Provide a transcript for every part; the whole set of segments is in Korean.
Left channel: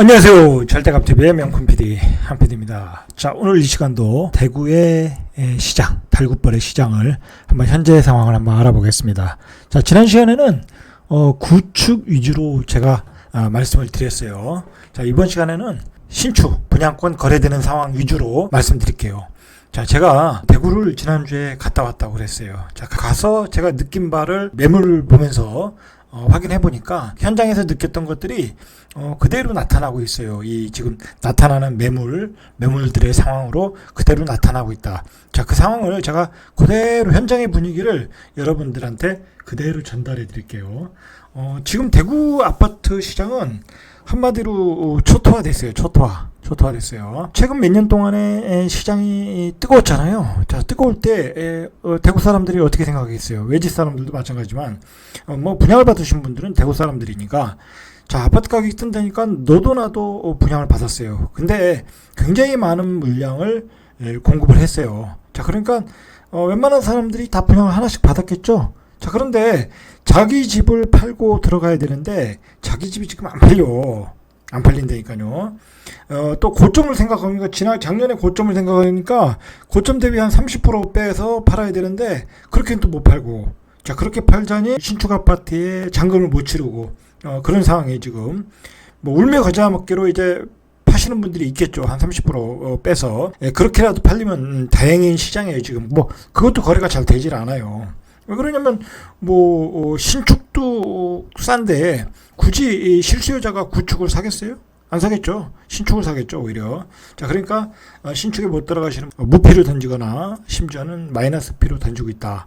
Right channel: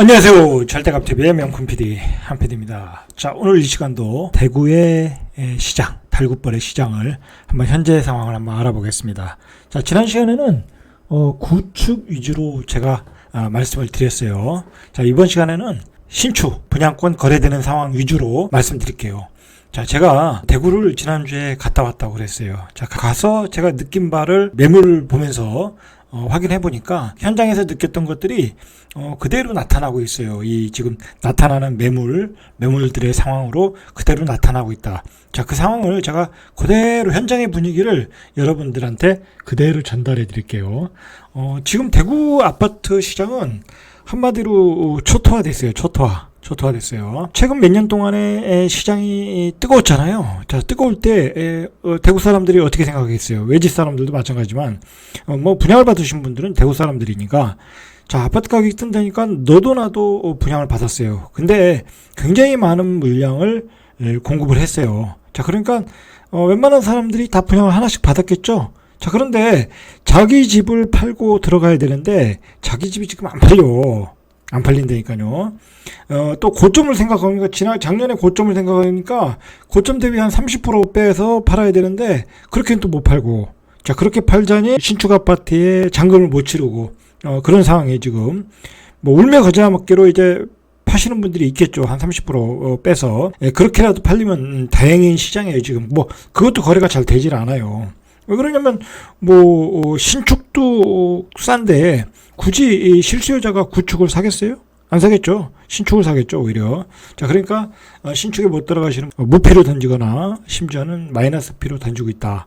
안녕하세요. 절대값TV의 명품 PD 한PD입니다. 자, 오늘 이 시간도 대구의 시장, 달굿벌의 시장을 한번 현재 상황을 한번 알아보겠습니다. 자, 지난 시간에는 구축 위주로 제가 말씀을 드렸어요. 자, 이번 시간에는 신축, 분양권 거래되는 상황 위주로 말씀드릴게요. 자, 제가 대구를 지난주에 갔다 왔다고 그랬어요. 자, 가서 제가 느낀 바를 매물을 보면서 확인해 보니까 현장에서 느꼈던 것들이 그대로 나타나고 있어요. 이 지금 나타나는 매물들의 상황으로 그대로 나타나고 있다. 자, 그 상황을 제가 그대로 현장의 분위기를 여러분들한테 그대로 전달해 드릴게요. 지금 대구 아파트 시장은 한마디로 초토화됐어요. 초토화됐어요. 최근 몇 년 동안에 시장이 뜨거웠잖아요. 자, 뜨거울 때 대구 사람들이 어떻게 생각했어요? 외지 사람들도 마찬가지지만 뭐 분양을 받으신 분들은 대구 사람들이니까 자, 아파트 가격이 뜬다니까 너도 나도 분양을 받았어요. 근데 굉장히 많은 물량을 공급을 했어요. 자, 그러니까 웬만한 사람들이 다 분양을 하나씩 받았겠죠. 자, 그런데 자기 집을 팔고 들어가야 되는데 자기 집이 지금 안 팔린다니까요. 또 고점을 생각하니까 작년에 고점을 생각하니까 고점 대비 한 30% 빼서 팔아야 되는데 그렇게는 또 못 팔고, 자, 그렇게 팔자니 신축 아파트에 잔금을 못 치르고 그런 상황에 지금 뭐 울며 겨자 먹기로 이제 파시는 분들이 있겠죠. 한 30% 빼서 그렇게라도 팔리면 다행인 시장이에요. 지금 뭐 그것도 거래가 잘 되질 않아요. 왜 그러냐면 뭐 신축도 싼데 굳이 실수요자가 구축을 사겠어요? 안 사겠죠. 신축을 사겠죠, 오히려. 자, 그러니까 신축에 못 들어가시는 무피로 던지거나 심지어는 마이너스 피로 던지고 있다.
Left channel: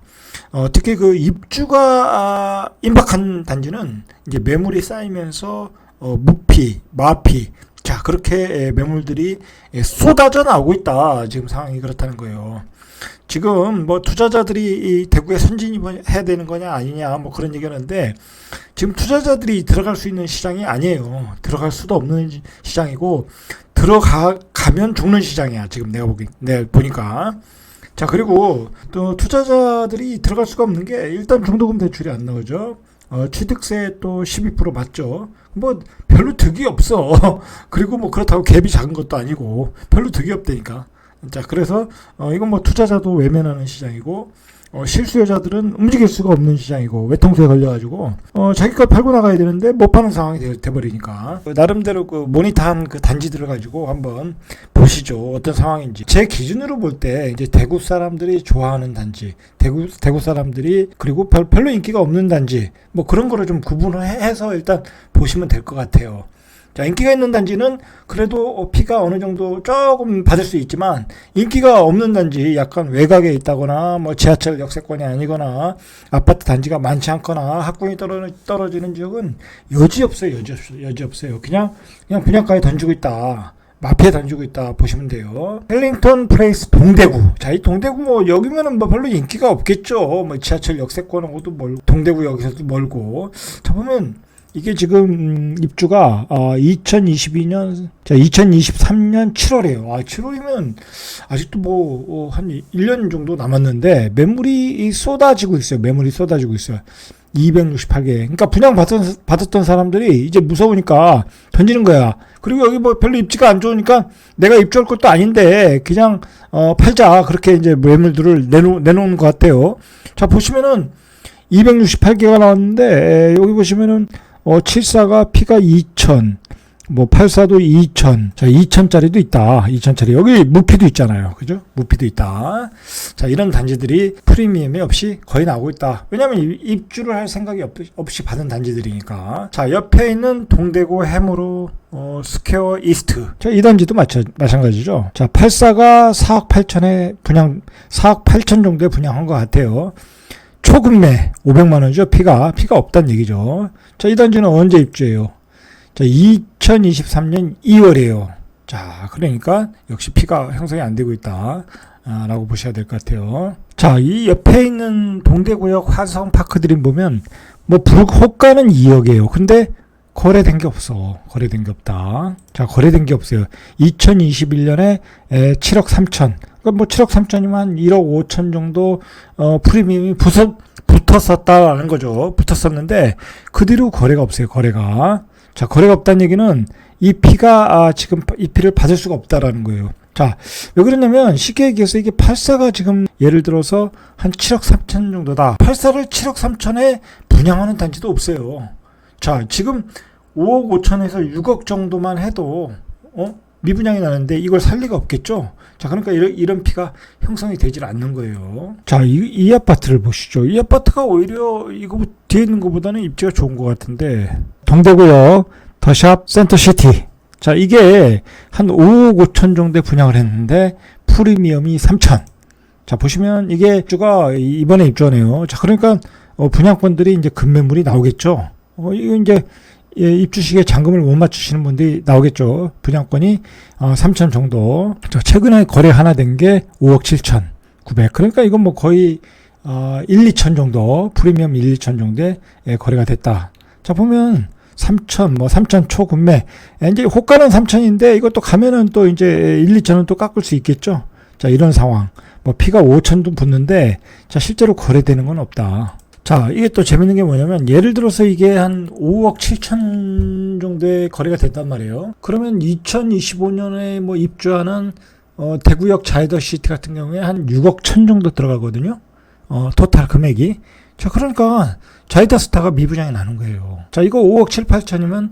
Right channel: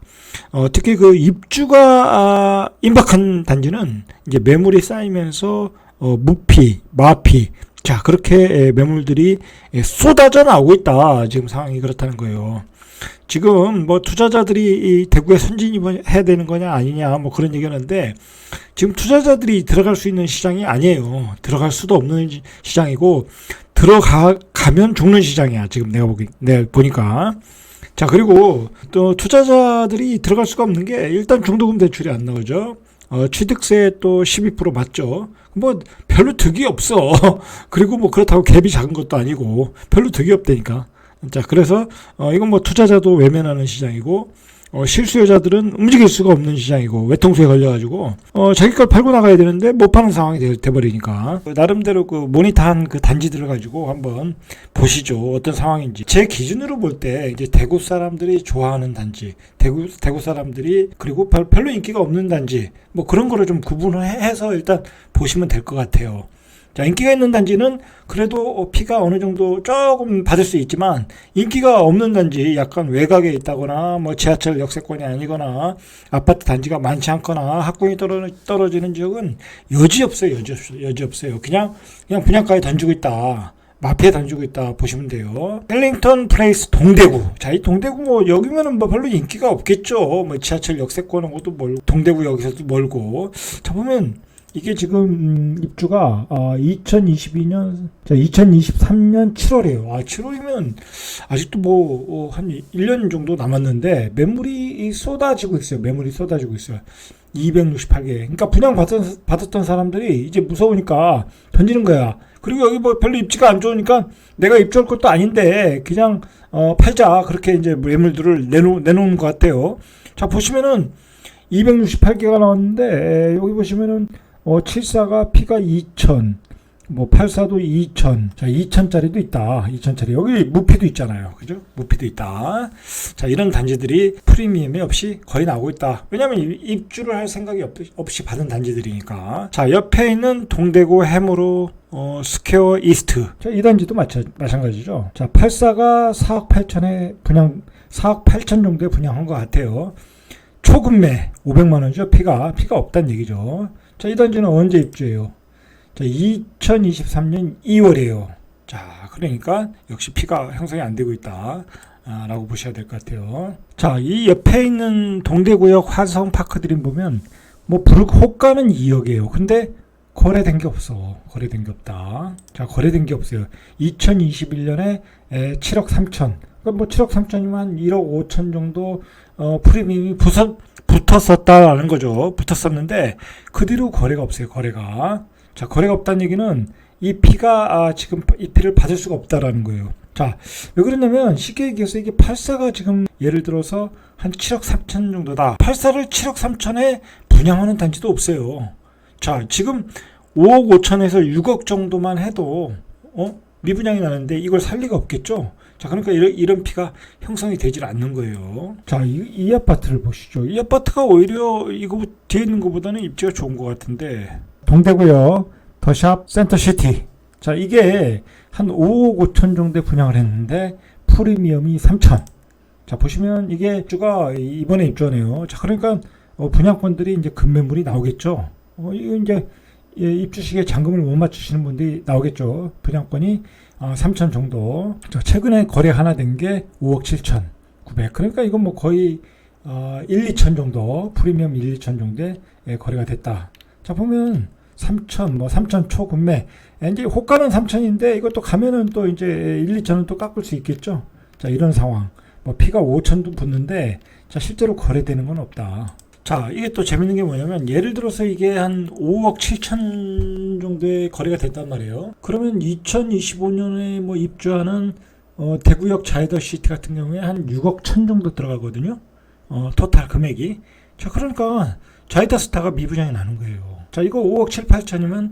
특히 그 입주가 임박한 단지는 이제 매물이 쌓이면서 무피, 마피, 자, 그렇게 매물들이 쏟아져 나오고 있다. 지금 상황이 그렇다는 거예요. 지금 뭐 투자자들이 이 대구에 선진입해야 되는 거냐 아니냐 뭐 그런 얘기하는데 지금 투자자들이 들어갈 수 있는 시장이 아니에요. 들어갈 수도 없는 시장이고 들어가면 죽는 시장이야. 지금 내가 보니까. 자, 그리고 또 투자자들이 들어갈 수가 없는 게 일단 중도금 대출이 안 나오죠. 취득세 또 12% 맞죠. 뭐 별로 득이 없어. 그리고 뭐 그렇다고 갭이 작은 것도 아니고 별로 득이 없다니까. 자, 그래서 이건 뭐 투자자도 외면하는 시장이고 실수요자들은 움직일 수가 없는 시장이고 외통수에 걸려가지고 자기 걸 팔고 나가야 되는데 못 파는 상황이 돼버리니까 나름대로 그 모니터한 그 단지들을 가지고 한번 보시죠. 어떤 상황인지. 제 기준으로 볼 때 이제 대구 사람들이 좋아하는 단지, 대구 사람들이 그리고 별로 인기가 없는 단지 뭐 그런 거를 좀 구분을 해서 일단 보시면 될 것 같아요. 자, 인기가 있는 단지는 그래도 피가 어느 정도 조금 받을 수 있지만 인기가 없는 단지, 약간 외곽에 있다거나 뭐 지하철 역세권이 아니거나 아파트 단지가 많지 않거나 학군이 떨어지는 지역은 여지 없어요. 그냥 분양가에 던지고 있다. 마피에 던지고 있다 보시면 돼요. 헬링턴 플레이스 동대구. 자, 이 동대구 뭐 여기면은 뭐 별로 인기가 없겠죠. 뭐 지하철 역세권하고도 멀고 동대구 여기서도 멀고. 자, 보면 이게 지금 입주가 2023년 7월이에요. 7월이면 아직도 뭐 한 1년 정도 남았는데 매물이 쏟아지고 있어요. 268개. 그러니까 분양 받았던 사람들이 이제 무서우니까 던지는 거야. 그리고 여기 뭐 별로 입지가 안 좋으니까 내가 입주할 것도 아닌데 그냥 팔자. 그렇게 이제 매물들을 내놓은 것 같아요. 자, 보시면은 268개가 나왔는데 여기 보시면은 74가 피가 2000, 뭐 84도 2000, 자, 2000짜리도 있다. 2000짜리. 여기 무피도 있잖아요. 그죠? 무피도 있다. 자, 이런 단지들이 프리미엄이 없이 거의 나오고 있다. 왜냐면 입주를 할 생각이 없이 받은 단지들이니까. 자, 옆에 있는 동대구 해무로 스퀘어 이스트. 자, 이 단지도 마찬가지죠. 자, 84가 4억 8천에 4억 8천 정도에 분양한 것 같아요. 초급매 500만원이죠. 피가 없다는 얘기죠. 자, 이 단지는 언제 입주해요? 자, 2023년 2월이에요. 자, 그러니까 역시 피가 형성이 안 되고 있다 라고 보셔야 될 것 같아요. 자, 이 옆에 있는 동대구역 환성파크들이 보면 뭐 호가는 2억이에요. 근데 거래된 게 없어. 거래된 게 없다. 자, 거래된 게 없어요. 2021년에 7억 3천. 그러니까 뭐 7억 3천이면 1억 5천 정도 프리미엄이 붙었었다라는 거죠. 붙었었는데 그 뒤로 거래가 없어요. 거래가. 자, 거래가 없다는 얘기는 이 피가 지금 이 피를 받을 수가 없다라는 거예요. 자, 왜 그러냐면 쉽게 얘기해서 이게 8사가 지금 예를 들어서 한 7억 3천 정도다. 8사를 7억 3천에 분양하는 단지도 없어요. 자, 지금 5억 5천에서 6억 정도만 해도 미분양이 나는데 이걸 살 리가 없겠죠. 자, 그러니까 이런 피가 형성이 되질 않는 거예요. 자, 이 아파트를 보시죠. 이 아파트가 오히려 이거 뒤에 있는 것보다는 입지가 좋은 것 같은데, 동대구역 더샵 센터시티. 자, 이게 한 5억 5천 정도에 분양을 했는데 프리미엄이 3천. 자, 보시면 이게 입주가 이번에 입주하네요. 자, 그러니까 분양권들이 이제 급매물이 나오겠죠. 이거 이제 입주 시기에 잔금을 못 맞추시는 분들이 나오겠죠. 분양권이 3천 정도. 자, 최근에 거래 하나 된 게 5억 7천 9백. 그러니까 이건 뭐 거의 1, 2천 정도, 프리미엄 1, 2천 정도에 거래가 됐다. 자, 보면 3천, 뭐 3천 초급매. 이제 호가는 3천인데 이것도 가면은 또 이제 1, 2천은 또 깎을 수 있겠죠. 자, 이런 상황. 뭐 피가 5천도 붙는데, 자, 실제로 거래되는 건 없다. 자, 이게 또 재밌는 게 뭐냐면, 예를 들어서 이게 한 5억 7천 정도의 거래가 됐단 말이에요. 그러면 2025년에 뭐 입주하는 대구역 자이더시티 같은 경우에 한 6억 천 정도 들어가거든요. 토탈 금액이. 자, 그러니까 자이더스타가 미분양이 나는 거예요. 자, 이거 5억 7, 8천이면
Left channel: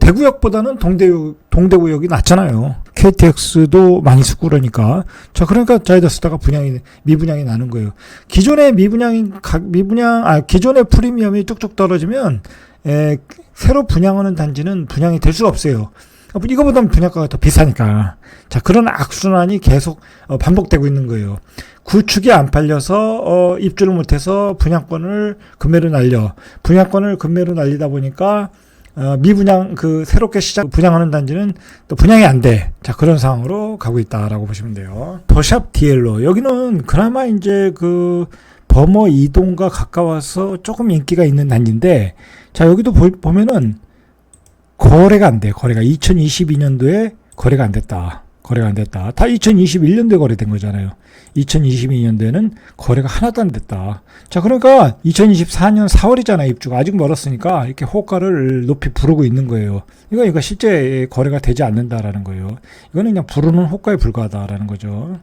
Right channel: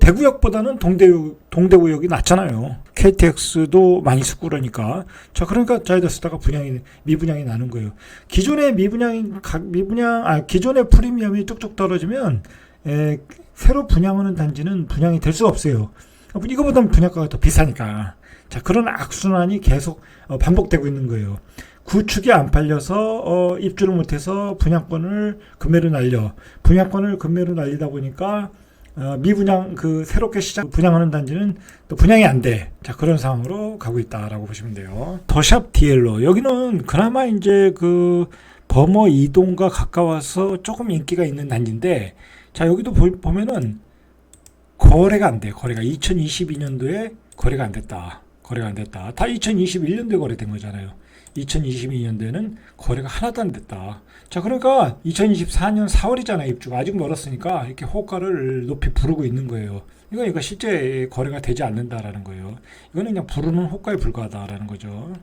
대구역보다는 동대구역이 낫잖아요. KTX도 많이 쓰고 그러니까. 자, 그러니까 자이더스타가 미분양이 나는 거예요. 기존의 기존의 프리미엄이 뚝뚝 떨어지면 새로 분양하는 단지는 분양이 될 수가 없어요. 이거보다는 분양가가 더 비싸니까. 자, 그런 악순환이 계속 반복되고 있는 거예요. 구축이 안 팔려서 입주를 못해서 분양권을 금매로 날리다 보니까 미분양 새롭게 분양하는 단지는 또 분양이 안 돼. 자, 그런 상황으로 가고 있다라고 보시면 돼요. 더샵 디엘로 여기는 그나마 이제 범어 이동과 가까워서 조금 인기가 있는 단지인데, 자, 여기도 보면은 거래가 안 돼. 거래가 2022년도에 거래가 안 됐다. 다 2021년도에 거래된 거잖아요. 2022년도에는 거래가 하나도 안 됐다. 자, 그러니까 2024년 4월이잖아요. 입주가 아직 멀었으니까 이렇게 호가를 높이 부르고 있는 거예요. 이거 실제 거래가 되지 않는다라는 거예요. 이거는 그냥 부르는 호가에 불과하다라는 거죠.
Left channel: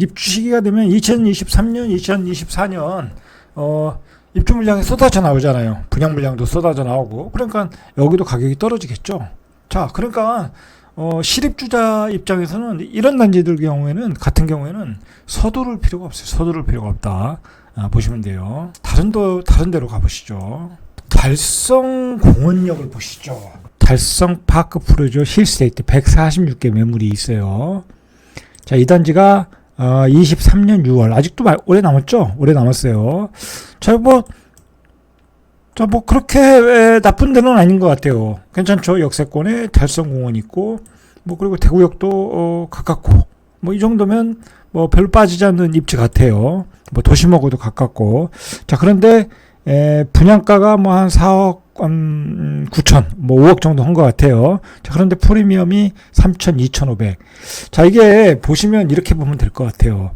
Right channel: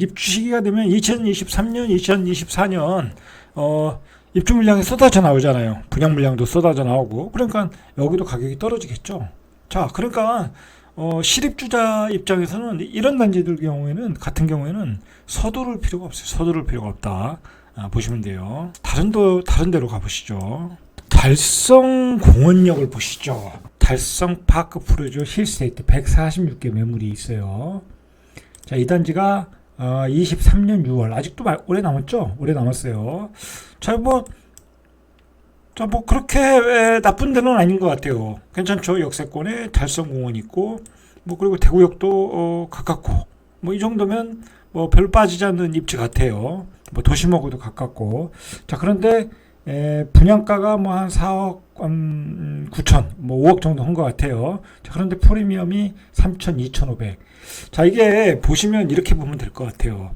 입주 시기가 되면 2023년, 2024년 입주 물량이 쏟아져 나오잖아요. 분양 물량도 쏟아져 나오고. 그러니까 여기도 가격이 떨어지겠죠. 자, 그러니까 실입주자 입장에서는 이런 단지들 같은 경우에는 서두를 필요가 없어요. 서두를 필요가 없다. 보시면 돼요. 다른 데로 가보시죠. 달성공원역을 보시죠. 달성 파크 프로조 힐스테이트 146개 매물이 있어요. 자, 이 단지가 23년 6월 아직도 오래 남았죠? 오래 남았어요. 자, 뭐 그렇게 나쁜 데는 아닌 것 같아요. 괜찮죠? 역세권에 달성공원 있고, 그리고 대구역도 가깝고, 이 정도면 별로 빠지지 않는 입지 같아요. 도심하고도 가깝고. 자, 그런데 분양가가 한 4억 9천, 5억 정도 한 것 같아요. 자, 그런데 프리미엄이 3천, 2,500. 자, 이게 보시면 이렇게 보면 될 것 같아요.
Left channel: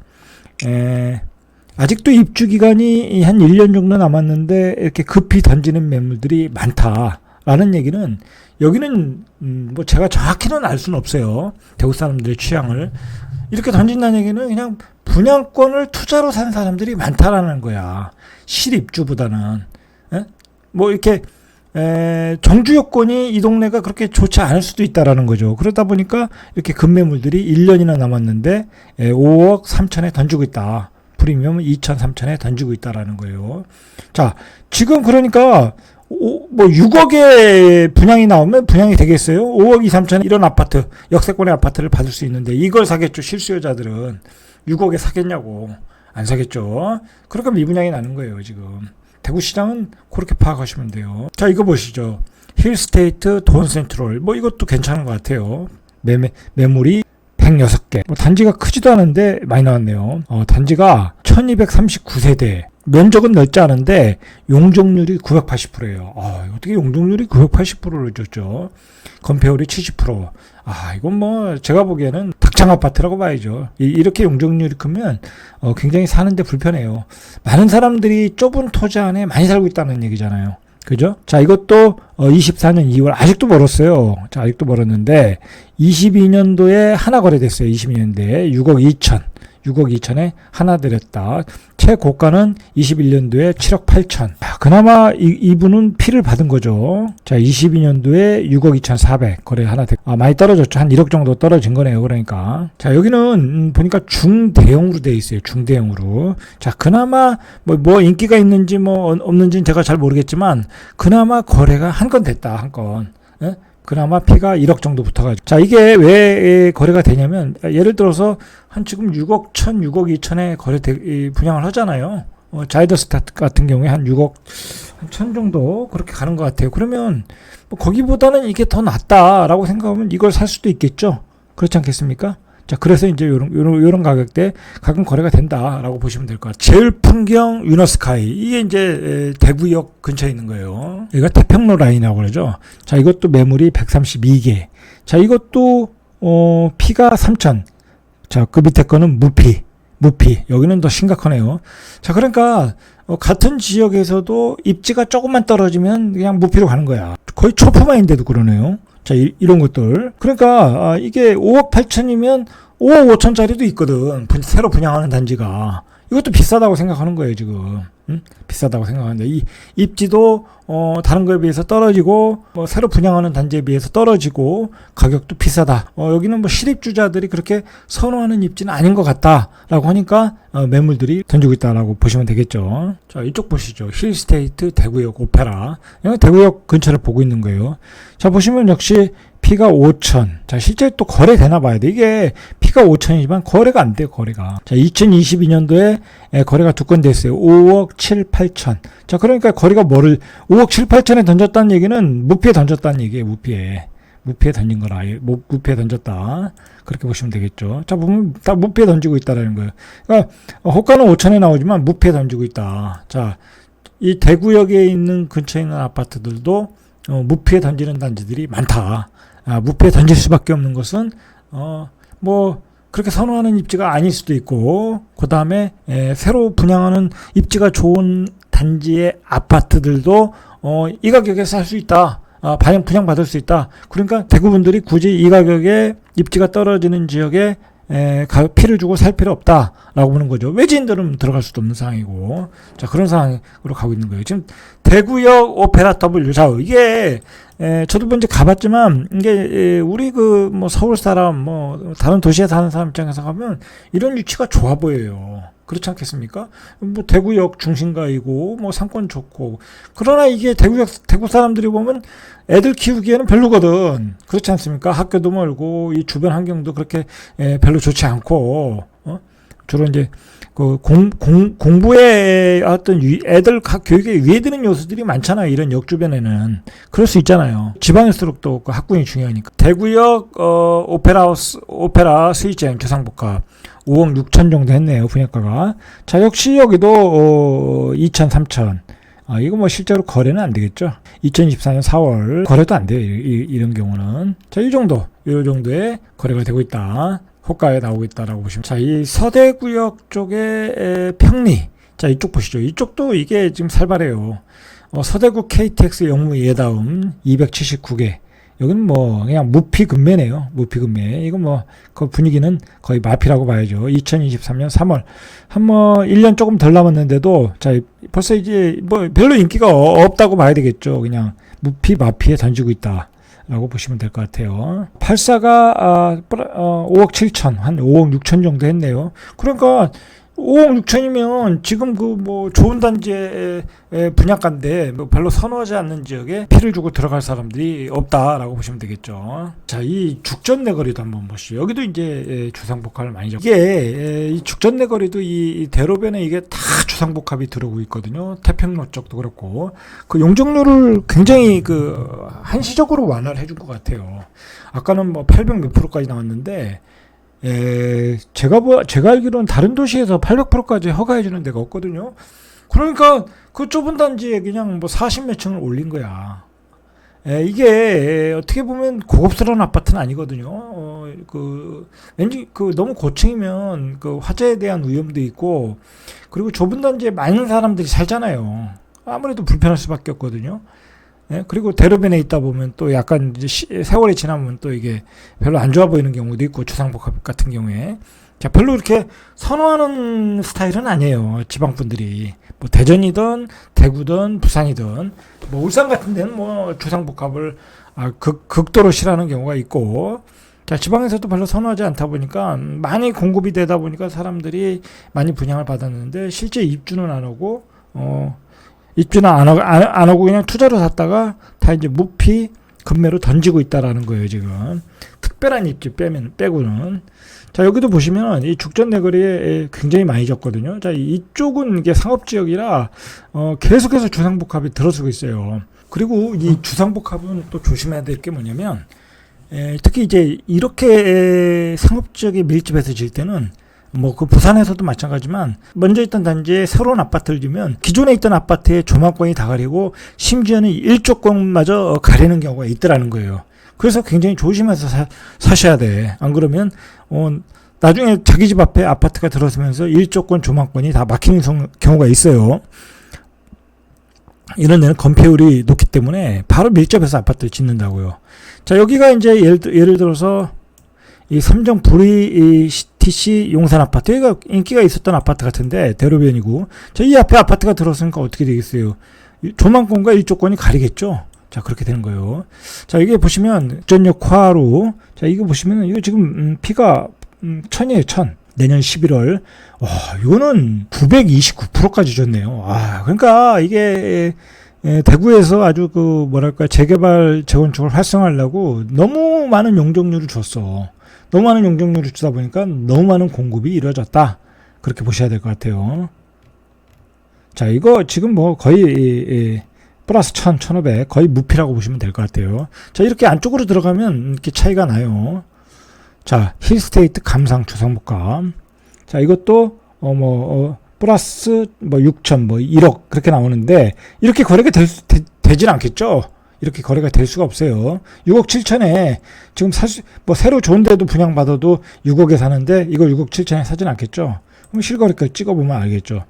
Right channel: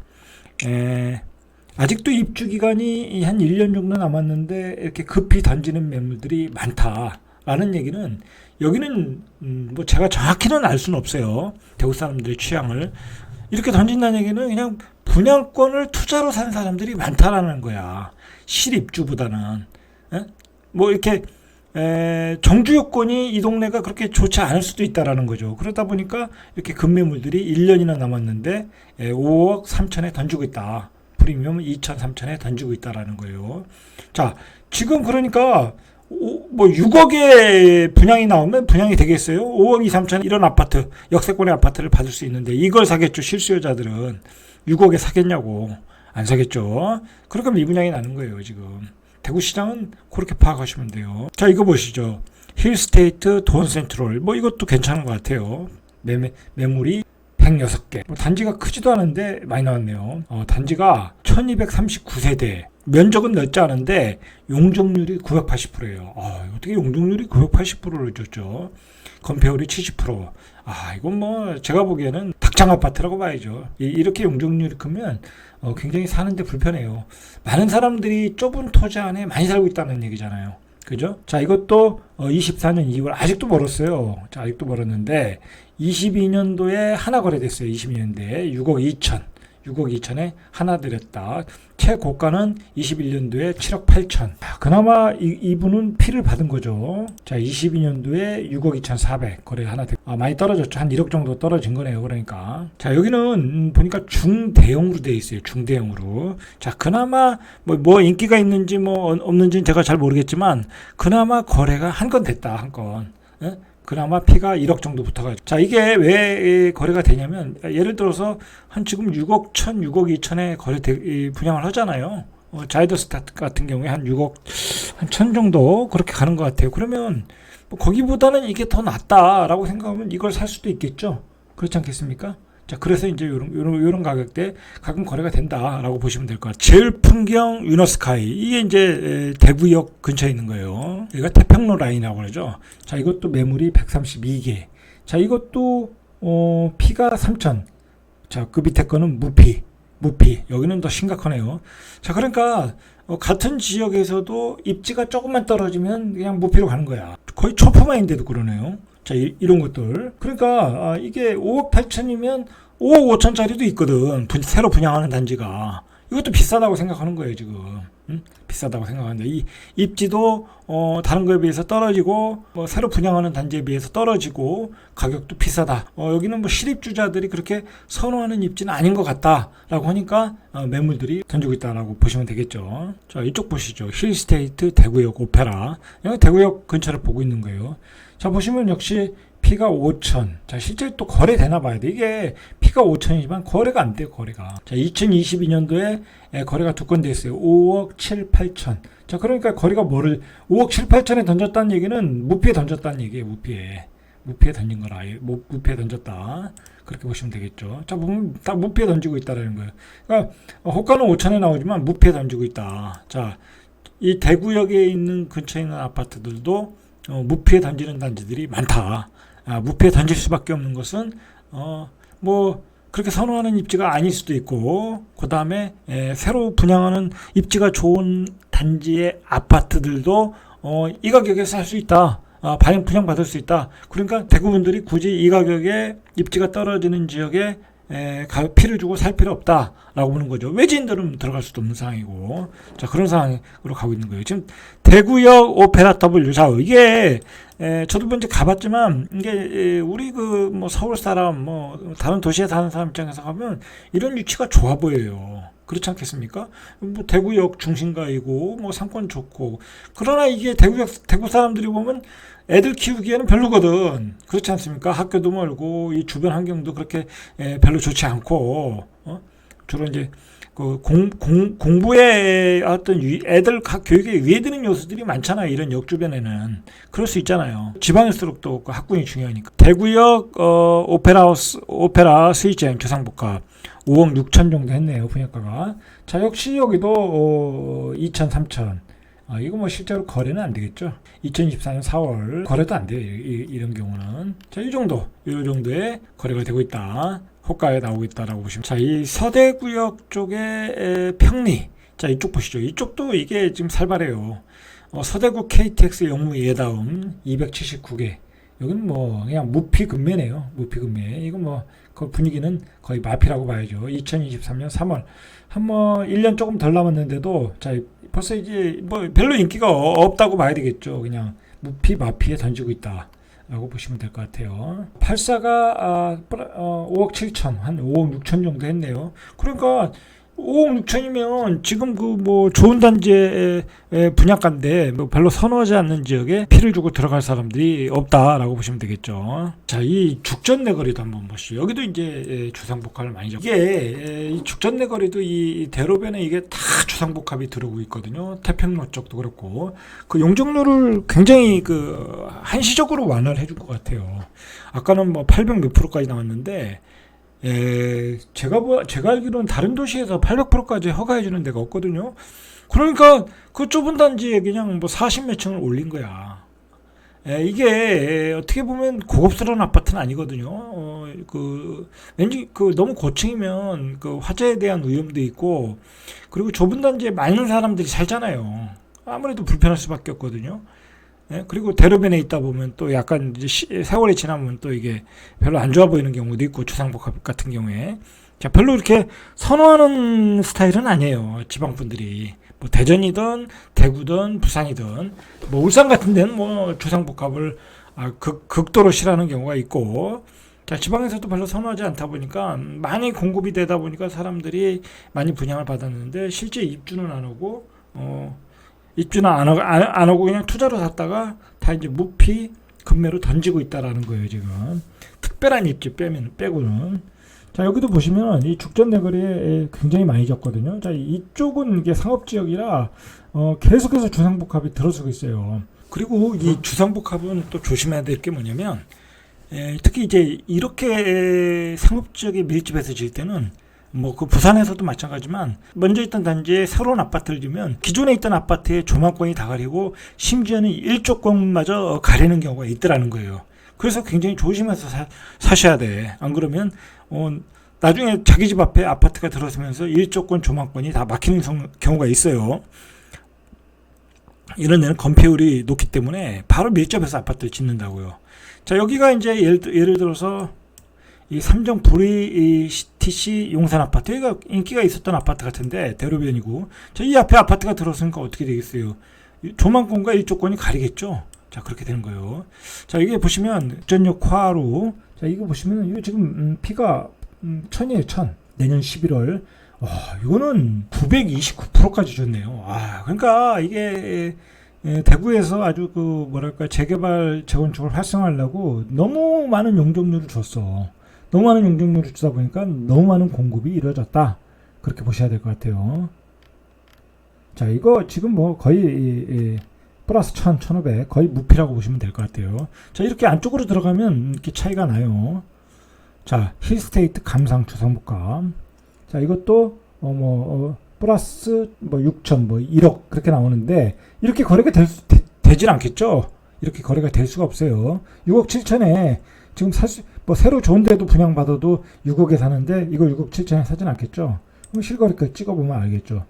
아직도 입주 기간이 한 1년 정도 남았는데 이렇게 급히 던지는 매물들이 많다라는 얘기는, 여기는 제가 정확히는 알 수는 없어요. 대구 사람들의 취향을. 이렇게 던진다는 얘기는 그냥 분양권을 투자로 산 사람들이 많다라는 거야. 실입주보다는. 이렇게 정주 요건이 이 동네가 그렇게 좋지 않을 수도 있다라는 거죠. 그러다 보니까 이렇게 급매물들이 1년이나 남았는데 5억 3천에 던지고 있다. 프리미엄 2천, 3천에 던지고 있다라는 거예요. 자, 지금 그러니까 6억에 분양이 나오면 분양이 되겠어요? 5억 2, 3천 이런 아파트, 역세권의 아파트를 받을 수 있는데 이걸 사겠죠. 실수요자들은 6억에 사겠냐고. 안 사겠죠. 그러니까 미분양이 나는 거예요, 지금. 대구시장은 그렇게 파악하시면 돼요. 자, 이거 보시죠. 힐스테이트 돈센트럴. 이것도 괜찮은 것 같아요. 매물이 106개. 단지가 크지도 않은데 많이 나왔네요. 단지가 1239세대. 면적은 넓지 않은데 용적률이 980%예요. 어떻게 용적률이 980%를 줬죠? 건폐율이 70%. 이건 제가 보기에는 닭장 아파트라고 봐야죠. 이렇게 용적률이 크면 굉장히 사는데 불편해요. 많은 사람들이 좁은 토지 안에 많이 살고 있다는 얘기잖아요. 그죠? 자, 이것도 24년 2월 아직도 멀었어요. 자, 아직도 멀었는데 22년도에 하나 거래됐어요. 22년도에 6억 2천. 6억 2천에 하나 들였다. 최고가는 21년도에 7억 8천. 그나마 이분은 피를 받은 거죠. 자, 22년도에 6억 2천 4백 거래 하나 됐고. 많이 떨어졌죠. 한 1억 정도 떨어진 거네요. 그러니까. 자, 여기는 보니까 중대형으로 돼 있어요. 중대형으로. 자, 그나마 뭐 인기가 있는지 뭐 없는지는 제가 잘 모르겠지만 그나마 거래가 한 건 됐다. 한 건. 예? 그나마 피가 1억 정도 붙어가지고. 자, 이게 왜 거래가 되냐면, 예를 들어서, 한 지금 6억 1천, 6억 2천에 분양을 하잖아요. 자이더스 같은 경우에 한 6억 한 1천 정도 그렇게 가는 것 같아요. 그러면, 뭐 거기보다는 이게 더 낫다라고 생각하면 이걸 살 수도 있겠죠. 그렇지 않겠습니까? 자, 그래서 이제 요런 가격대 가끔 거래가 된다라고 보시면 될 것 같아요. 제일풍경 유너스카이. 이게 이제 대구역 근처에 있는 거예요. 여기가 태평로 라인이라고 그러죠. 자, 이것도 매물이 132개. 자, 이것도, 피가 3천. 자, 그 밑에 거는 무피. 여기는 더 심각하네요. 자, 그러니까, 같은 지역에서도 입지가 조금만 떨어지면 그냥 무피로 가는 거야. 거의 초품화인데도 그러네요. 자, 이런 것들. 그러니까, 이게 5억 8천이면 5억 5천짜리도 있거든. 새로 분양하는 단지가. 이것도 비싸다고 생각하는 거예요, 지금. 응? 비싸다고 생각하는데. 이 입지도, 다른 거에 비해서 떨어지고, 새로 분양하는 단지에 비해서 떨어지고, 가격도 비싸다. 여기는 뭐 실입주자들이 그렇게 선호하는 입지는 아닌 것 같다라고 하니까, 매물들이 던지고 있다라고 보시면 되겠죠. 자, 이쪽 보시죠. 힐스테이트 대구역 오페라. 여기 대구역 근처를 보고 있는 거예요. 자, 보시면 역시 피가 5천. 자, 실제 또 거래되나 봐야 돼. 이게 피가 5천이지만 거래가 안 돼요, 거래가. 자, 2022년도에 거래가 2건 됐어요. 5억 7, 8천. 자, 그러니까 거래가 5억 7, 8천에 던졌다는 얘기는 무피에 던졌다는 얘기예요, 무피에. 무피에 던진 거라. 무피에 던졌다. 그렇게 보시면 되겠죠. 자, 보면 다 무피에 던지고 있다라는 거예요. 그러니까 호가는 5천에 나오지만 무피에 던지고 있다. 자, 이 대구역에 있는 근처에 있는 아파트들도 무피에 던지는 단지들이 많다. 무피에 던질 수밖에 없는 것은 뭐 그렇게 선호하는 입지가 아닐 수도 있고, 그 다음에 새로 분양하는 입지가 좋은 단지의 아파트들도 이 가격에 살 수 있다. 분양 받을 수 있다. 그러니까 대구분들이 굳이 이 가격에 입지가 떨어지는 지역에 피를 주고 살 필요 없다라고 보는 거죠. 외지인들은 들어갈 수도 없는 상황이고, 자, 그런 상황으로 가고 있는 거예요. 지금 대구역 오페라 W 좌우, 이게 저도 먼저 가봤지만, 이게 우리 뭐 서울 사람, 뭐 다른 도시에 사는 사람 입장에서 가면 이런 위치가 좋아 보여요. 그렇지 않겠습니까? 뭐 대구역 중심가이고 뭐 상권 좋고, 그러나 이게 대구 사람들이 보면 애들 키우기에는 별로거든. 그렇지 않습니까? 학교도 멀고 이 주변 환경도 그렇게 별로 좋지 않고, 주로 이제 그 공부에 어떤 애들 교육에 위해드는 요소들이 많잖아요. 이런 역 주변에는. 그럴 수 있잖아요. 지방일수록 또 그 학군이 중요하니까. 대구역 오페라 스위젠 주상복합 5억 6천 정도 했네요. 분양가가. 자, 역시 여기도 2천 3천. 이거 뭐 실제로 거래는 안 되겠죠. 2024년 4월 거래도 안 돼요. 이런 경우는. 자, 이 정도의 거래가 되고 있다. 호가에 나오고 있다라고 보시면. 자, 이 서대구역 쪽에 평리. 자, 이쪽 보시죠. 이쪽도 이게 지금 살벌해요. 서대구 KTX 영무 예다음 279개. 여기는 뭐 그냥 무피 금매네요. 무피 금매. 이거 뭐 그 분위기는 거의 마피라고 봐야죠. 2023년 3월 한 1년 조금 덜 남았는데도, 자, 벌써 이제 뭐 별로 인기가 없다고 봐야 되겠죠. 그냥 무피 마피에 던지고 있다 라고 보시면 될 것 같아요. 84가 5억 7천, 한 5억 6천 정도 했네요. 그러니까 5억 6천이면 지금 그 뭐 좋은 단지의 분양가인데 뭐 별로 선호하지 않는 지역에 피를 주고 들어갈 사람들이 없다라고 보시면 되겠죠. 자, 이 죽전 내거리도 한번 보시죠. 여기도 이제 주상복합을 많이 잡고, 이게 이 죽전 내거리도 이 대로변에 이게 다 주상복합이 들어오고 있거든요. 태평로 쪽도 그렇고, 그 용적률을 굉장히 그 한시적으로 완화를 해준 것 같아요. 아까는 뭐 800 몇 프로까지 나왔는데, 제가 알기로는 다른 도시에서 800%까지 허가해 주는 데가 없거든요. 그러니까 그 좁은 단지에 그냥 뭐 40몇 층을 올린 거야. 이게 어떻게 보면 고급스러운 아파트는 아니거든요. 왠지 너무 고층이면 그 화재에 대한 위험도 있고, 그리고 좁은 단지에 많은 사람들이 살잖아요. 아무래도 불편할 수밖에 없거든요. 예? 그리고 대로변에 있다 보면 또 약간 이제 세월이 지나면 또 이게 별로 안 좋아 보이는 경우도 있고, 주상복합 같은 경우에. 자, 별로 이렇게 선호하는 스타일은 아니에요. 지방 분들이. 뭐 대전이든 대구든 부산이든 뭐 울산 같은 데는 뭐 주상복합을 극도로 싫어하는 경우가 있고, 자, 지방에서도 별로 선호하지 않다 보니까 많이 공급이 되다 보니까 사람들이 많이 분양을 받았는데 실제 입주는 안 오고, 입주는 안 하고 그냥 투자로 샀다가 다 이제 무피 급매로 던지고 있다라는 거예요, 지금. 특별한 입지 빼고는. 자, 여기도 보시면 이 죽전 내거리에 굉장히 많이 졌거든요. 자, 이쪽은 이게 상업지역이라 계속해서 주상복합이 들어서고 있어요. 그리고 이 주상복합은 또 조심해야 될 게 뭐냐면, 특히 이제 이렇게 상업지역에 밀집해서 질 때는 뭐 그 부산에서도 마찬가지지만 먼저 있던 단지에 새로운 아파트를 지면 기존에 있던 아파트의 조망권이 다 가리고 심지어는 일조권마저 가리는 경우가 있더라는 거예요. 그래서 굉장히 조심해서 사셔야 돼. 안 그러면 나중에 자기 집 앞에 아파트가 들어서면서 일조권 조망권이 다 막히는 경우가 있어요. 이런 데는 건폐율이 높기 때문에 바로 밀접해서 아파트를 짓는다고요. 자, 여기가 이제 예를 들어서 이 삼정 VTC 용산 아파트, 여기가 인기가 있었던 아파트 같은데 대로변이고, 자, 이 앞에 아파트가 들어서니까 어떻게 되겠어요? 조망권과 일조권이 가리겠죠. 자, 그렇게 되는 거예요. 자, 이게 보시면 전역 화로, 자, 이거 보시면 이거 지금 피가 1000이에요. 1000. 내년 11월. 와, 이거는 929%까지 줬네요. 그러니까 이게 대구에서 아주 그 뭐랄까 재개발 재건축을 활성화하려고 너무 많은 용적률을 줬어. 너무 많은 용적률을 주다 보니까 너무 많은 공급이 이루어졌다. 그렇게 보셔야 될 것 같아요. 자, 이거 지금 뭐 거의 플러스 1000, 1500 거의 무피라고 보시면 될 것 같아요. 자, 이렇게 안쪽으로 들어가면 이렇게 차이가 나요. 자, 힐스테이트 감상 주상복합. 자, 이것도 플러스 뭐 6천, 뭐 1억 그렇게 나오는데 이렇게 거래가 되진 않겠죠. 이렇게 거래가 될 수가 없어요. 6억 7천에 지금 뭐 새로 좋은 데도 분양받아도 6억에 사는데 이거 6억 7천에 사진 않겠죠. 그럼 실거래가 찍어보면 알겠죠.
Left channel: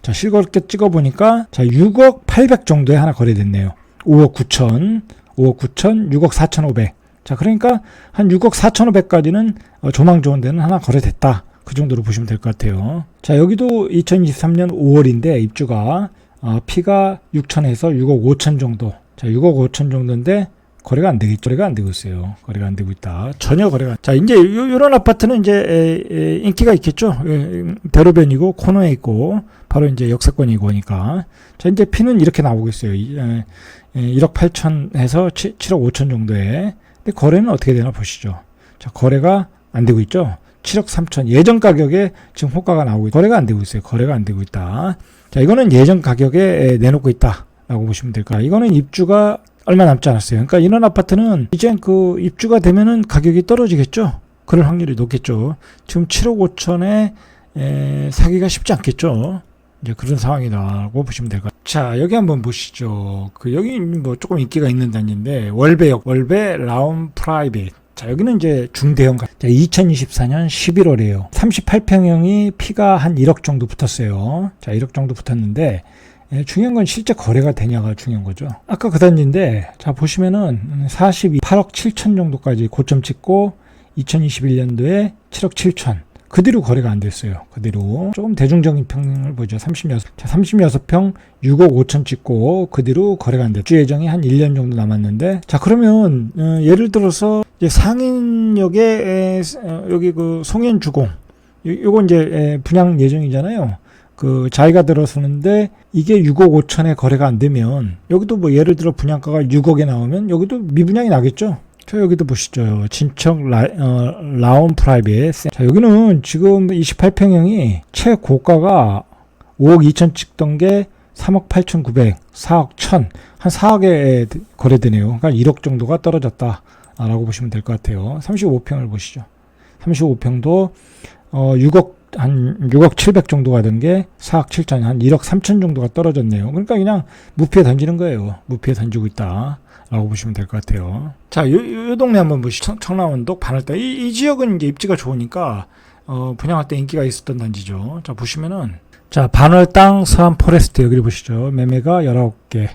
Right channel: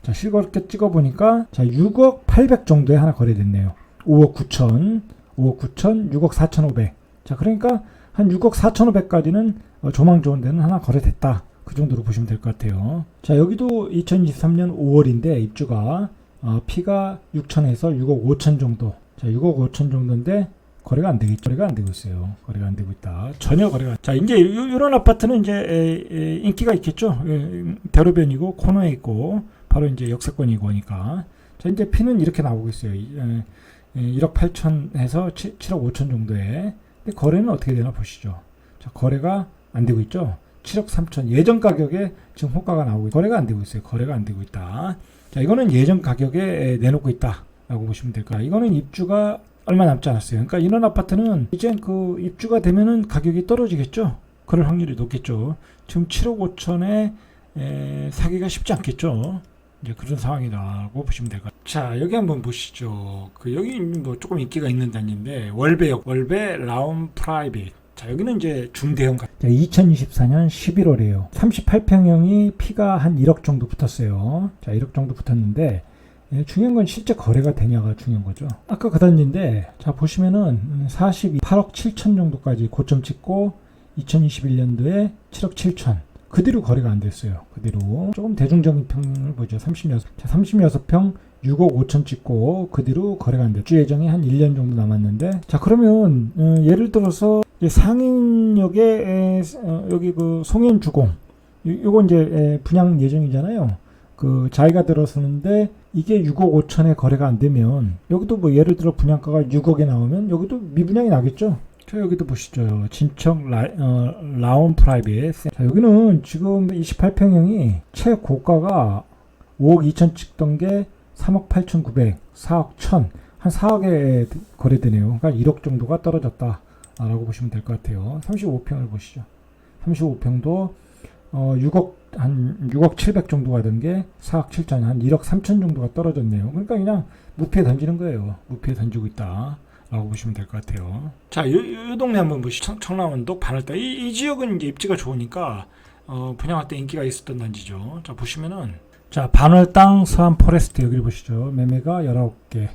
자, 실거래가 찍어보니까 자, 6억 800 정도에 하나 거래됐네요. 5억 9천, 6억 4,500. 자, 그러니까 한 6억 4,500까지는 조망 좋은 데는 하나 거래됐다. 그 정도로 보시면 될 것 같아요. 자, 여기도 2023년 5월인데 입주가 피가 6천에서 6억 5천 정도. 자, 6억 5천 정도인데 거래가 안 되겠죠. 거래가 안 되고 있어요. 거래가 안 되고 있다. 전혀 거래가. 자, 이제 이런 아파트는 이제 인기가 있겠죠. 대로변이고 코너에 있고 바로 이제 역세권이고 하니까. 자, 이제 피는 이렇게 나오고 있어요. 1억 8천에서 7억 5천 정도에. 근데 거래는 어떻게 되나 보시죠. 자, 거래가 안 되고 있죠. 7억 3천 예전 가격에 지금 호가가 나오고 거래가 안 되고 있어요. 거래가 안 되고 있다. 자, 이거는 예전 가격에 내놓고 있다라고 보시면 될 거야. 이거는 입주가 얼마 남지 않았어요. 그러니까 이런 아파트는 이제 그 입주가 되면은 가격이 떨어지겠죠. 그럴 확률이 높겠죠. 지금 7억 5천에 사기가 쉽지 않겠죠. 이제 그런 상황이라고 보시면 될 것 같아요. 자, 여기 한번 보시죠. 여기 뭐 조금 인기가 있는 단지인데 월배 라운 프라이빗. 자, 여기는 이제 중대형. 자, 2024년 11월이에요. 38평형이 피가 한 1억 정도 붙었어요. 자, 1억 정도 붙었는데 중요한 건 실제 거래가 되냐가 중요한 거죠. 아까 그 단지인데 자, 보시면은 48억 7천 정도까지 고점 찍고 2021년도에 7억 7천. 그 뒤로 거래가 안 됐어요. 그 뒤로 조금 대중적인 평을 보죠. 36평 6억 5천 찍고 그 뒤로 거래가 안 됐죠. 주 예정이 한 1년 정도 남았는데 자, 그러면 예를 들어서 이제 상인역에 여기 그 송현주공 요거 이제 분양 예정이잖아요. 그 자기가 들어서는데 이게 6억 5천에 거래가 안 되면 여기도 뭐 예를 들어 분양가가 6억에 나오면 여기도 미분양이 나겠죠. 자, 여기도 보시죠. 진척 라운 프라이빗. 자, 여기는 지금 28평형이 최고가가 5억 2천 찍던 게 3억 8천 9백, 4억 1000, 한 4억에 거래되네요. 그러니까 1억 정도가 떨어졌다라고 보시면 될 것 같아요. 35평을 보시죠. 35평도 6억 700 정도 가던 게 4억 7천, 한 1억 3천 정도가 떨어졌네요. 그러니까 그냥 무피에 던지는 거예요. 무피에 던지고 있다. 라고 보시면 될 것 같아요. 자, 요 동네 한번 보시죠. 청라원동 반월대. 이 지역은 이제 입지가 좋으니까, 분양할 때 인기가 있었던 단지죠. 자, 보시면은, 자, 반월 땅 서안 포레스트 여기 보시죠. 매매가 19개.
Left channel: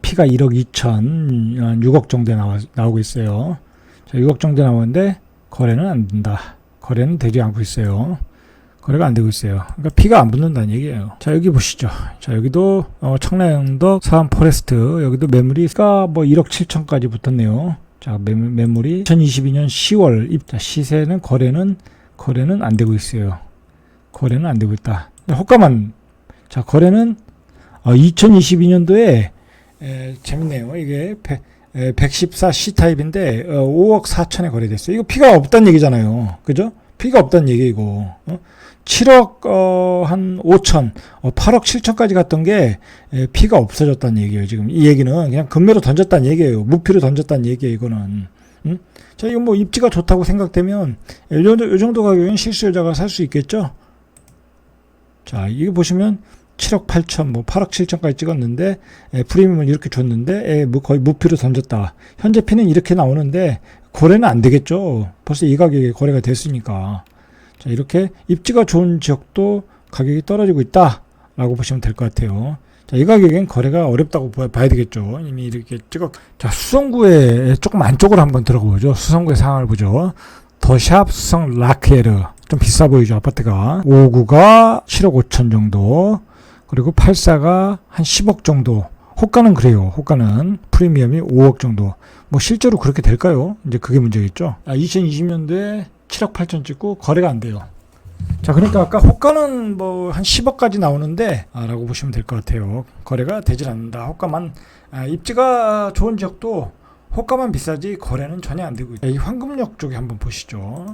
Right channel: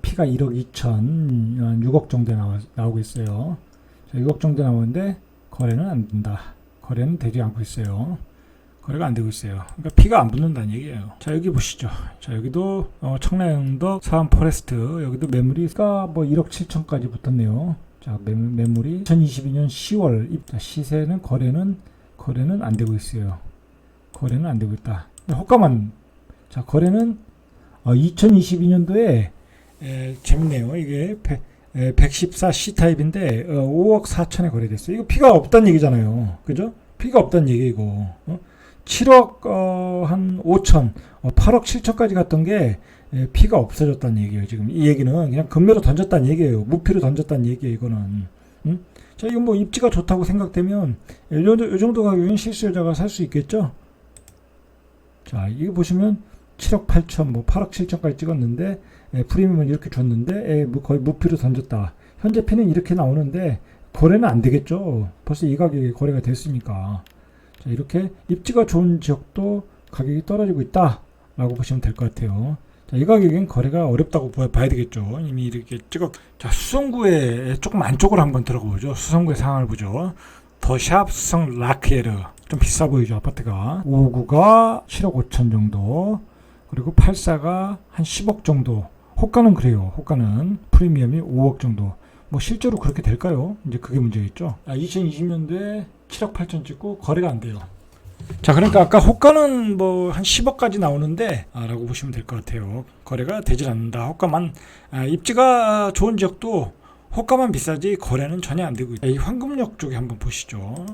피가 1억 2천, 6억 정도에 나오고 있어요. 자, 6억 정도 나오는데 거래는 안 된다. 거래는 되지 않고 있어요. 거래가 안 되고 있어요. 그러니까 피가 안 붙는다는 얘기예요. 자, 여기 보시죠. 자, 여기도 청라영도 서안 포레스트 여기도 매물이가 뭐 1억 7천까지 붙었네요. 자, 매물이 2022년 10월 입자 시세는 거래는 안 되고 있어요. 거래는 안 되고 있다. 호가만 자, 거래는 2022년도에 재밌네요. 이게 114 C타입인데 5억 4천에 거래됐어요. 이거 피가 없다는 얘기잖아요. 그죠? 피가 없다는 얘기고 7억 한 5천 8억 7천까지 갔던 게 피가 없어졌다는 얘기예요. 지금 이 얘기는 그냥 금매로 던졌다는 얘기예요. 무피로 던졌다는 얘기예요. 이거는 자, 이거 뭐 입지가 좋다고 생각되면 이 정도 가격은 실수요자가 살 수 있겠죠. 자, 이거 보시면 7억 8천, 뭐 8억 7천까지 찍었는데 프리미엄을 이렇게 줬는데 거의 무피로 던졌다. 현재 피는 이렇게 나오는데 거래는 안 되겠죠. 벌써 이 가격에 거래가 됐으니까. 자, 이렇게 입지가 좋은 지역도 가격이 떨어지고 있다라고 보시면 될 것 같아요. 자, 이 가격엔 거래가 어렵다고 봐야 되겠죠. 이미 이렇게 자, 수성구에 조금 안쪽으로 한번 들어가 보죠. 수성구의 상황을 보죠. 더샵 수성 라크에르 좀 비싸 보이죠. 아파트가 59가 7억 5천 정도, 그리고 84가 한 10억 정도. 호가는 그래요. 호가는 프리미엄이 5억 정도. 뭐 실제로 그렇게 될까요? 이제 그게 문제겠죠. 2020년도에 7억 8천 찍고 거래가 안 돼요. 자, 그러니까 아까 호가는 뭐 한 10억까지 나오는데 라고 보시면 될 것 같아요. 거래가 되질 않는다. 호가만 입지가 좋은 지역도 호가만 비싸지 거래는 전혀 안 되고 있다. 이 황금역 쪽에 한번 보시죠.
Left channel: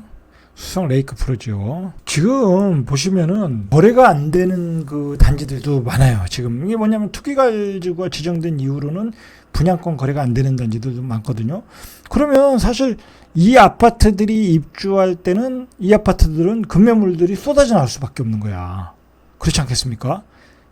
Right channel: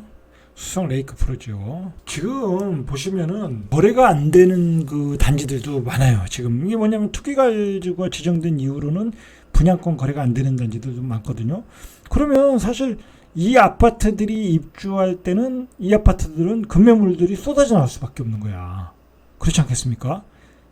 수성 레이크 프로지오. 지금 보시면은 거래가 안 되는 그 단지들도 많아요. 지금 이게 뭐냐면 투기가지구가 지정된 이후로는 분양권 거래가 안 되는 단지들도 많거든요. 그러면 사실 이 아파트들이 입주할 때는 이 아파트들은 급매물들이 쏟아져 나올 수밖에 없는 거야. 그렇지 않겠습니까?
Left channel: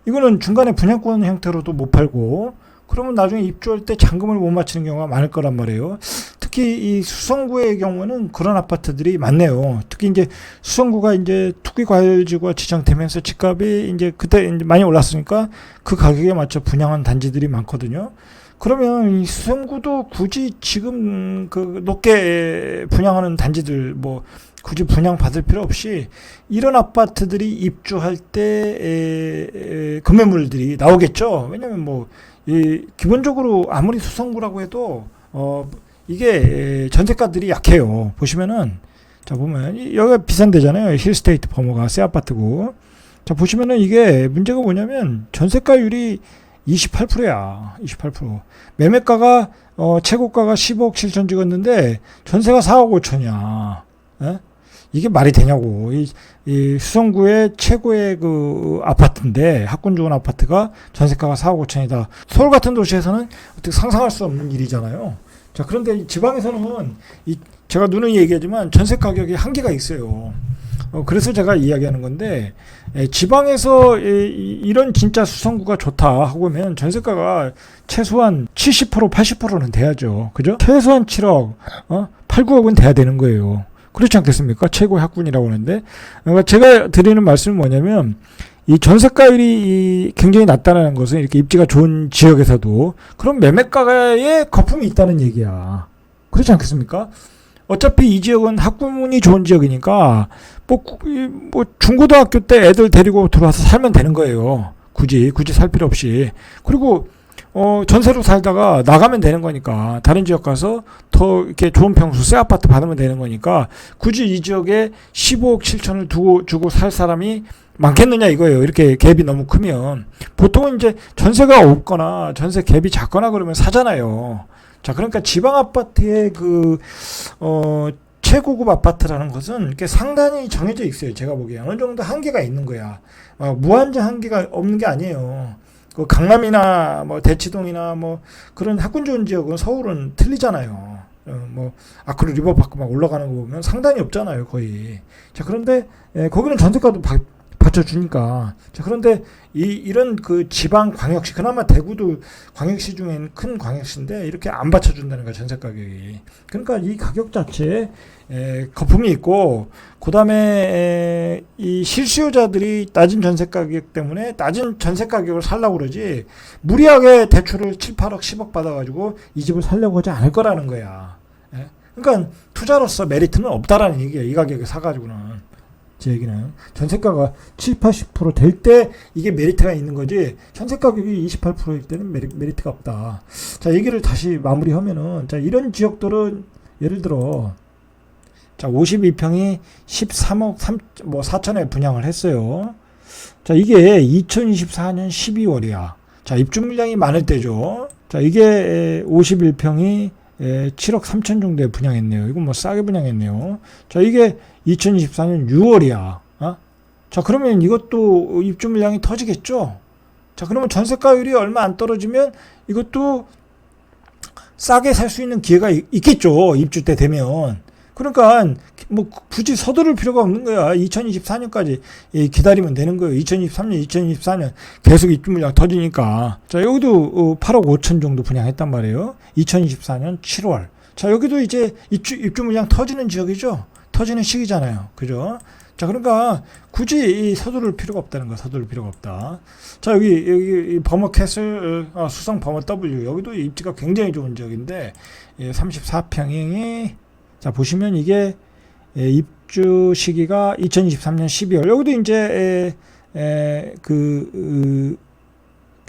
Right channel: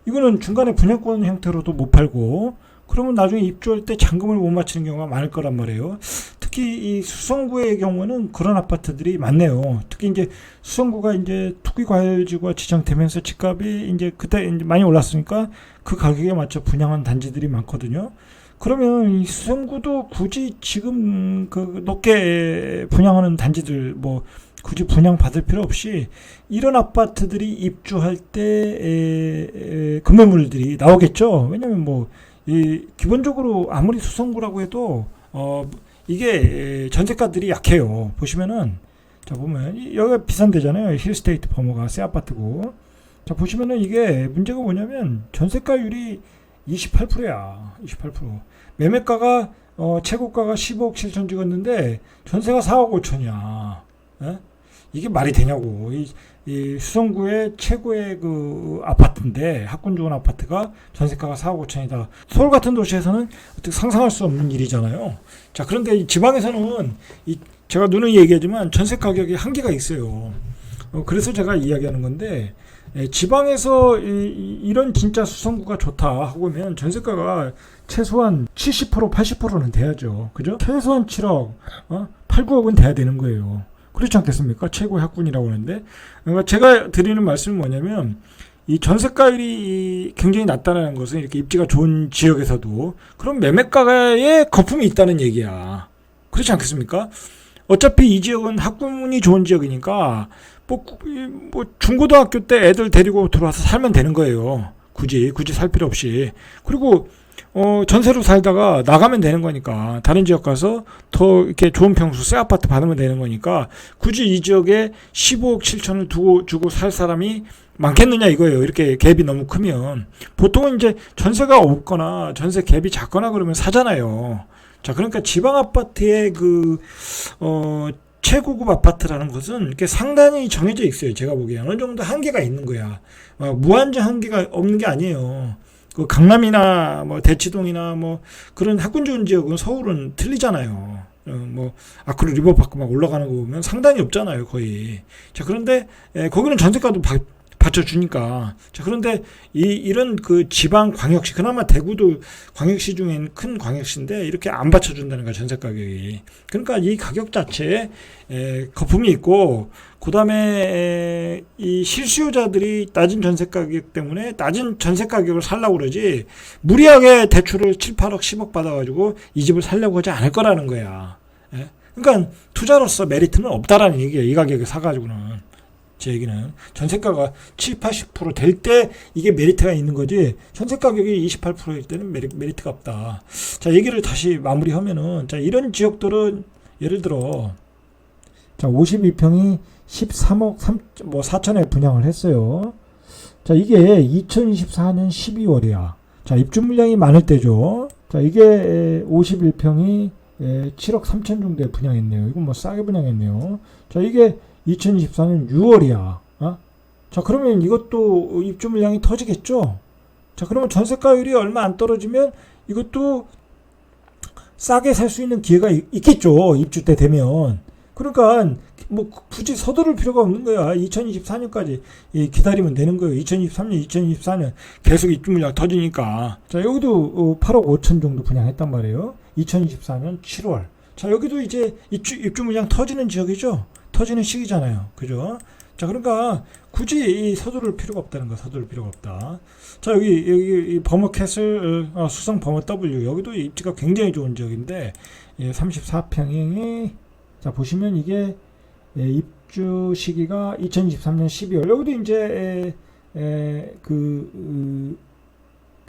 이거는 중간에 분양권 형태로도 못 팔고, 그러면 나중에 입주할 때 잔금을 못 맞추는 경우가 많을 거란 말이에요. 특히 이 수성구의 경우는 그런 아파트들이 많네요. 특히 이제 수성구가 이제 투기과열지구가 지정되면서 집값이 이제 그때 이제 많이 올랐으니까 그 가격에 맞춰 분양한 단지들이 많거든요. 그러면 이 수성구도 굳이 지금 그 높게 분양하는 단지들 뭐 굳이 분양 받을 필요 없이 이런 아파트들이 입주할 때 급매물들이 나오겠죠. 왜냐면 뭐 기본적으로 아무리 수성구라고 해도 이게 전세가들이 약해요. 보시면은 자, 보면 여기가 비싼 데잖아요. 힐스테이트 버머가 새 아파트고. 자, 보시면은 이게 문제가 뭐냐면 전세가율이 28%야. 28%. 매매가가 최고가가 15억 7천 찍었는데 전세가 4억 5천이야. 에? 이게 말이 되냐고. 이 수성구의 최고의 그 아파트인데, 학군 좋은 아파트가 전세가가 4억 5천이다. 서울 같은 도시에서는 어떻게 상상할 수 없는 일이잖아요. 자, 그런데 이 지방에서는 제가 누누이 얘기하지만 전세 가격이 한계가 있어요. 그래서 제가 이야기하는 건데, 지방에서 이런 진짜 수성구가 좋다 하고 하면 전세가가 최소한 70% 80%는 돼야죠. 그죠? 최소한 7억, 8, 9억은 돼야 되는 거예요. 그렇지 않겠습니까? 최고의 학군이라고 하는데, 그러니까 제가 드리는 말씀은 뭐냐면, 이 전세가율이 굉장히 낮다는 것은 이렇게 입지가 좋은 지역에서도 그런 매매가에 거품이 있다는 얘기야. 그렇지 않겠습니까? 어차피 이 지역은 학군이 좋은 지역이니까 뭐 중고등학교 때 애들 데리고 들어와서 살면 되는 거예요. 굳이 살 필요 없이. 그리고 전세로 살다가 나가면 되는 거니까 다른 지역 가서 더 이렇게 좋은 평수 새 아파트 받으면 되는 거니까 굳이 이 지역에 15억 7천을 주고 살 사람이 많겠느냐 이거예요. 이렇게 갭이 너무 크면. 보통은 이제 전세가 없거나 전세 갭이 작거나 그러면 사잖아요. 자, 그러니까 지방 아파트의 최고급 아파트라는 것은 이렇게 상단이 정해져 있어요. 제가 보기에 어느 정도 한계가 있는 거야. 무한정 한계가 없는 게 아니에요. 그 강남이나 뭐 대치동이나 뭐 그런 학군 좋은 지역은 서울은 틀리잖아요. 뭐 아크릴 리버파크 막 올라가는 거 보면 상단이 없잖아요, 거의. 자, 그런데 거기는 전세가도 받쳐주니까. 자, 그런데 이런 그 지방 광역시, 그나마 대구도 광역시 중엔 큰 광역시인데 이렇게 안 받쳐준다는 거야, 전세 가격이. 그러니까 이 가격 자체에 거품이 있고, 그 다음에 이 실수요자들이 낮은 전세 가격 때문에 낮은 전세 가격을 살려고 그러지, 무리하게 대출을 7, 8억, 10억 받아가지고 이 집을 살려고 하지 않을 거라는 거야. 그러니까 투자로서 메리트는 없다라는 얘기야, 이 가격에 사가지고는. 제 얘기는 전세가가 7, 80% 될 때 이게 메리트가 있는 거지, 전세 가격이 28%일 때는 메리트가 없다. 자, 얘기를 다시 마무리하면은, 자, 이런 지역들은 예를 들어, 자, 52평이 13억 4천에 분양을 했어요. 자, 이게 2024년 12월이야. 자, 입주 물량이 많을 때죠. 자, 이게 51평이 7억 3천 정도에 분양했네요. 이건 뭐 싸게 분양했네요. 자, 이게 2024년 6월이야. 자, 그러면 이것도 입주 물량이 터지겠죠? 자, 그러면 전세가율이 얼마 안 떨어지면 이것도 싸게 살 수 있는 기회가 있겠죠. 입주 때 되면. 그러니까 뭐 굳이 서두를 필요가 없는 거야. 2024년까지 기다리면 되는 거예요. 2023년, 2024년 계속 입주 물량 터지니까. 자, 여기도 8억 5천 정도 분양했단 말이에요. 2024년 7월. 자, 여기도 이제 입주 물량 터지는 지역이죠. 터지는 시기잖아요. 그죠? 자, 그러니까 굳이 서두를 필요가 없다는 거. 서두를 필요가 없다. 자, 여기 버머캐슬 수성 버머 W, 여기도 입지가 굉장히 좋은 지역인데 34평이, 자, 보시면 이게 입주 시기가 2023년 12월. 여기도 이제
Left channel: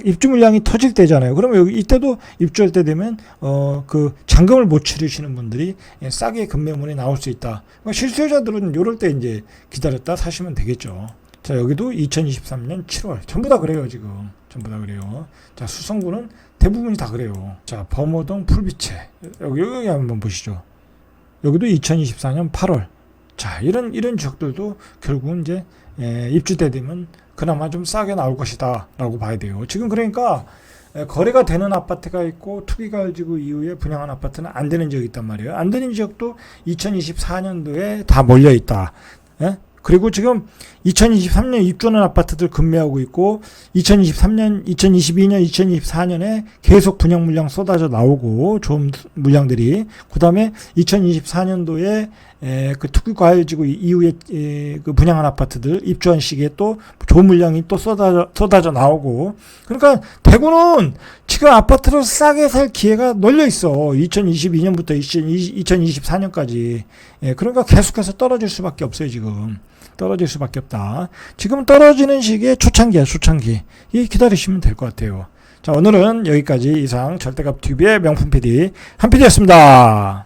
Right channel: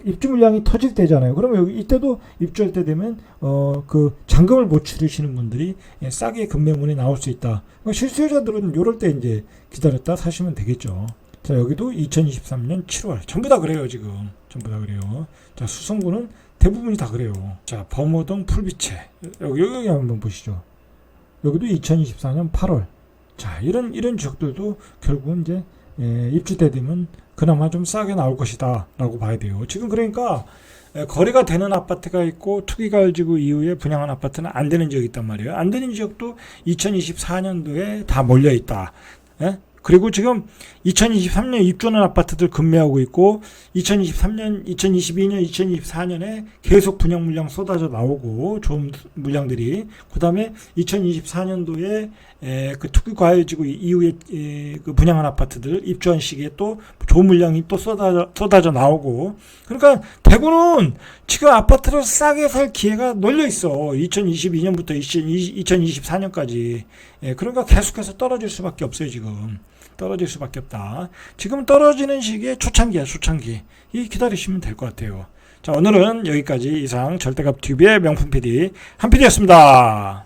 입주 물량이 터질 때잖아요. 그러면 여기 이때도 입주할 때 되면 그 잔금을 못 치르시는 분들이 싸게 급매물이 나올 수 있다. 그러니까 실수요자들은 요럴 때 이제 기다렸다 사시면 되겠죠. 자, 여기도 2023년 7월. 전부 다 그래요, 지금. 전부 다 그래요. 자, 수성구는 대부분이 다 그래요. 자, 범어동 풀비채. 여기 한번 보시죠. 여기도 2024년 8월. 자, 이런 지역들도 결국은 이제 입주 때 되면 그나마 좀 싸게 나올 것이다 라고 봐야 돼요. 지금 그러니까 거래가 되는 아파트가 있고 투기가지고 이후에 분양한 아파트는 안 되는 지역이 있단 말이에요. 안 되는 지역도 2024년도에 다 몰려 있다. 그리고 지금 2023년 입주하는 아파트들 급매하고 있고, 2023년, 2022년, 2024년에 계속 분양 물량 쏟아져 나오고, 좋은 물량들이. 그 다음에 2024년도에 그 투기 과열지구 이후에 그 분양한 아파트들 입주한 시기에 또 좋은 물량이 또 쏟아져 나오고. 그러니까 대구는 지금 아파트를 싸게 살 기회가 널려 있어. 2022년부터 2024년까지. 그러니까 계속해서 떨어질 수밖에 없어요, 지금. 떨어질 수밖에 없다. 지금 떨어지는 시기에 초창기야, 초창기. 이 기다리시면 될 것 같아요. 자, 오늘은 여기까지. 이상 절대값 TV의 명품 PD 한 PD였습니다.